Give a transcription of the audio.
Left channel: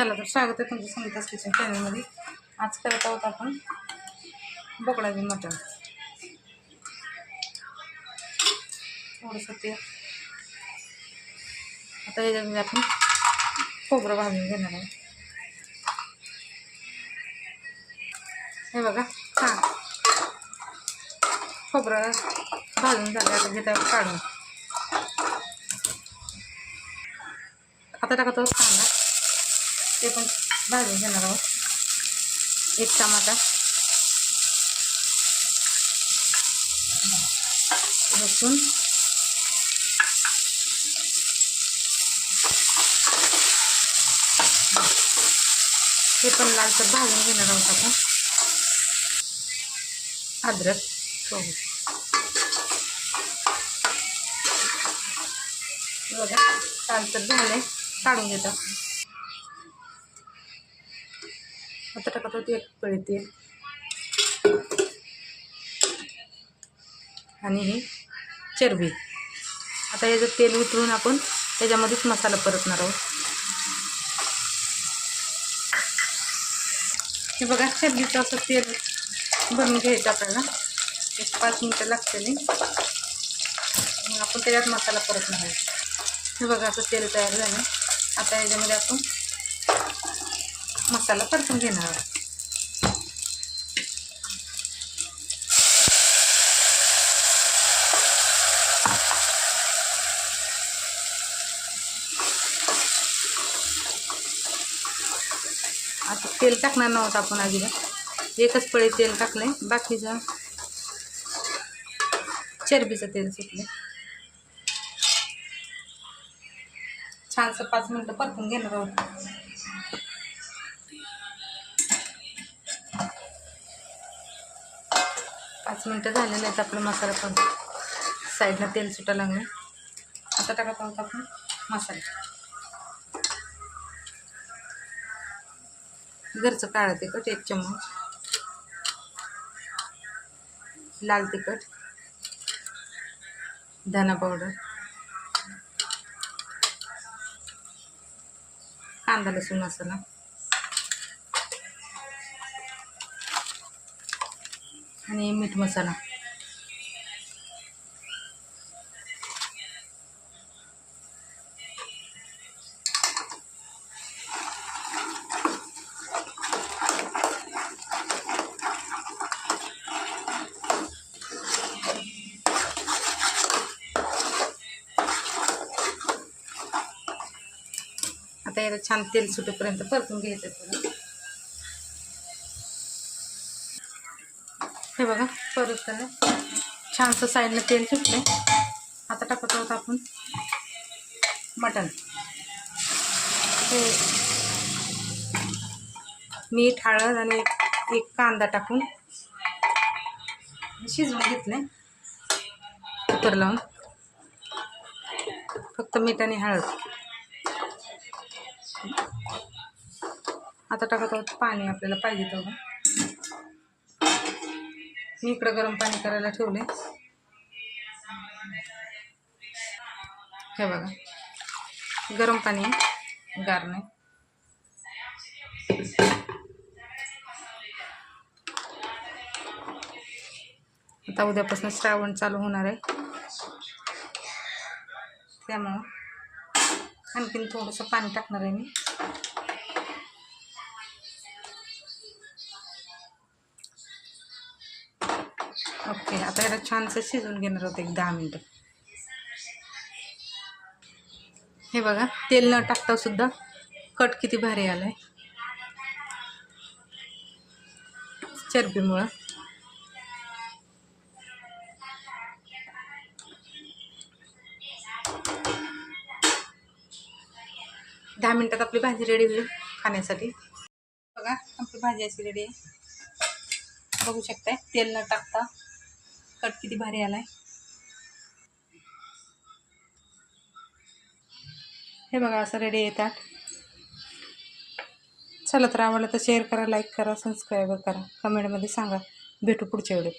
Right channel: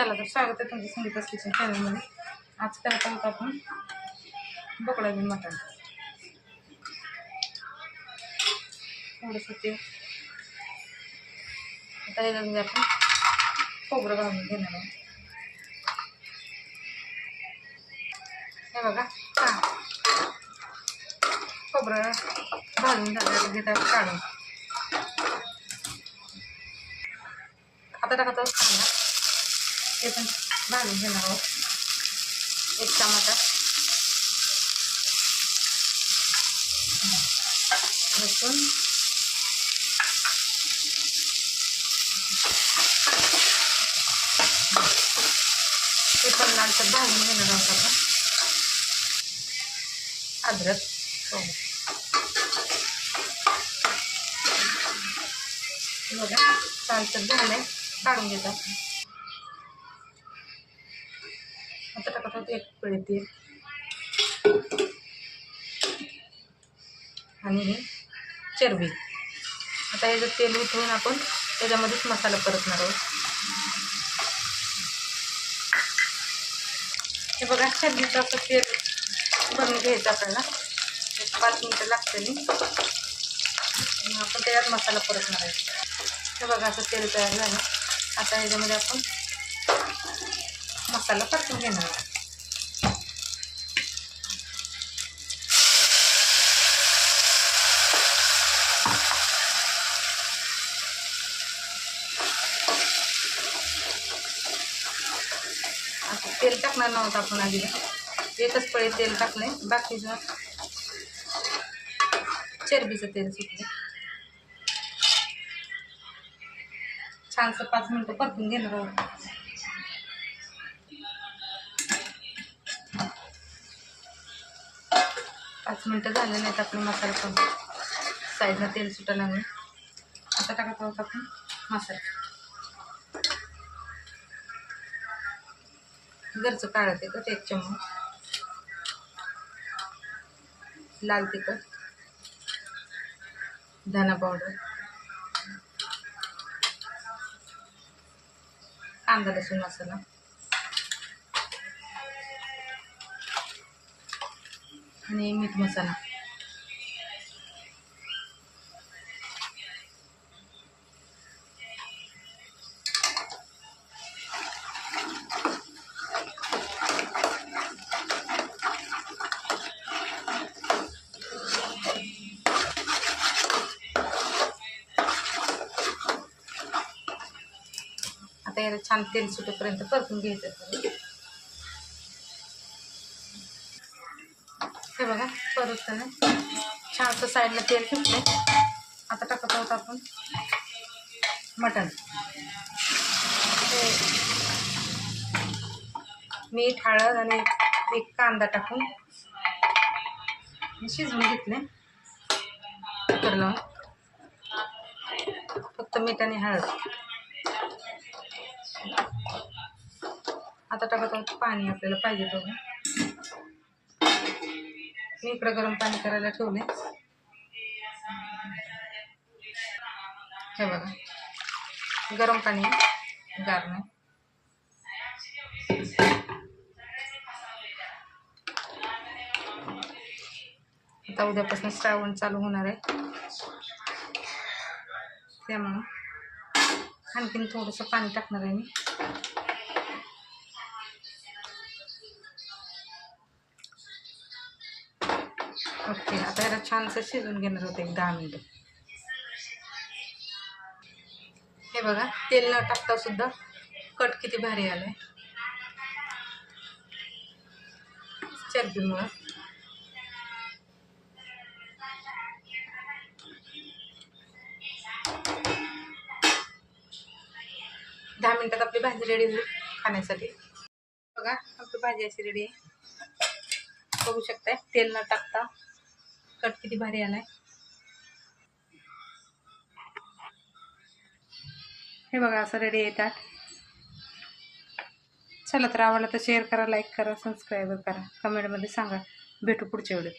चला तर स्वागत आहे तुमचं संगीतास किचन चॅनलमध्ये आज करत आहोत आपण बोकडा बी मटण. थोडंसं ते आता याच्यामध्ये आपण खोबरं भाजून घेणार आहोत हे बघा हां खोबरं भाजून झालं घेत आहे काढून. आता टाकत. आहोत कांदा ते पण भाजून घेणार आहोत. एक टमाटा लसूण. ते पण लालसर भाजून घेणार आहोत आपण. अद्रक. हो बघा लालसर आहे काढून घेतात आता टाकत होते एक पळी तेल आणि ही चरबी. आता याचं तेल वितळून आपण त्याच्यामध्येच मसाला परतणार आहोत. हे बघा चरबीचं असं तेल भरून घ्यायचं आपल्याला. एक पाच मिनटं लागते नाही. आपण त्याच्यात मसाला परतणार आहोत. हे बघा असं तेल तयार झालं. आता याच्यामध्ये आपण मसाला परतून घेणार आहोत तेल टाकणार नव्हतं आपण आधीला एकच पळी तेल टाकलंय. बाकीचं चरबीचं तेल सुटलं छानसं पाच मिनटं परतून घेणार आहोत. पाच मिनटं झाले आहेत आपला मसाला पण. साईडनं तेल सुटायला लागलं आता टाकत आहोत आपण. मसाला. घरचं काळं तिखट एक चम्मच. लाल तिखट. धना पावडर. कांदा लसूण मसाला. आणि मीठ मसाला. आता याला छान तेल सुटेपर्यंत परतून घ्यायचं हे बघा परत आहे छानसं साईडला तेल सुटले आता टाकत आहोत आपण मटण. मीठ हळद आणि एक कांदा टाकून शिजवून घेतले कुकर लावून. फक्त मीठ आणि हळद. आता टाकत आहोत पाणी आपल्याला पाहिजे तेवढं. मी इकडं गरम पाणी करायला ठेवले हे बघा. गरम पाणी गार नाही आता उद्यापासून श्रावण चालू होणार आहे. त्यामुळं आणखीन थोडंसं पाणी टाकणार आहे मी. ओके आता याला छानसं शिजवून घेणार होतं एक दहा मिनटं. हे बघा तेल न टाकता सुद्धा कट किती भारी आलाय. चरबीमुळं. दहा मिनिटात आपली भाजी रेडी होईल खाण्यासाठी. बघा आपली भाजी अशी रेडी आहे. बघू शकताय तेल न टाकता कट किती भारी आलाय. हे बघा असं रेडी येतात. चला तर आवडलं तर शेअर करा लाईक करा सबस्क्राईब करा. कमेंटमध्ये सांगा भेटू पुढच्या वेळेत.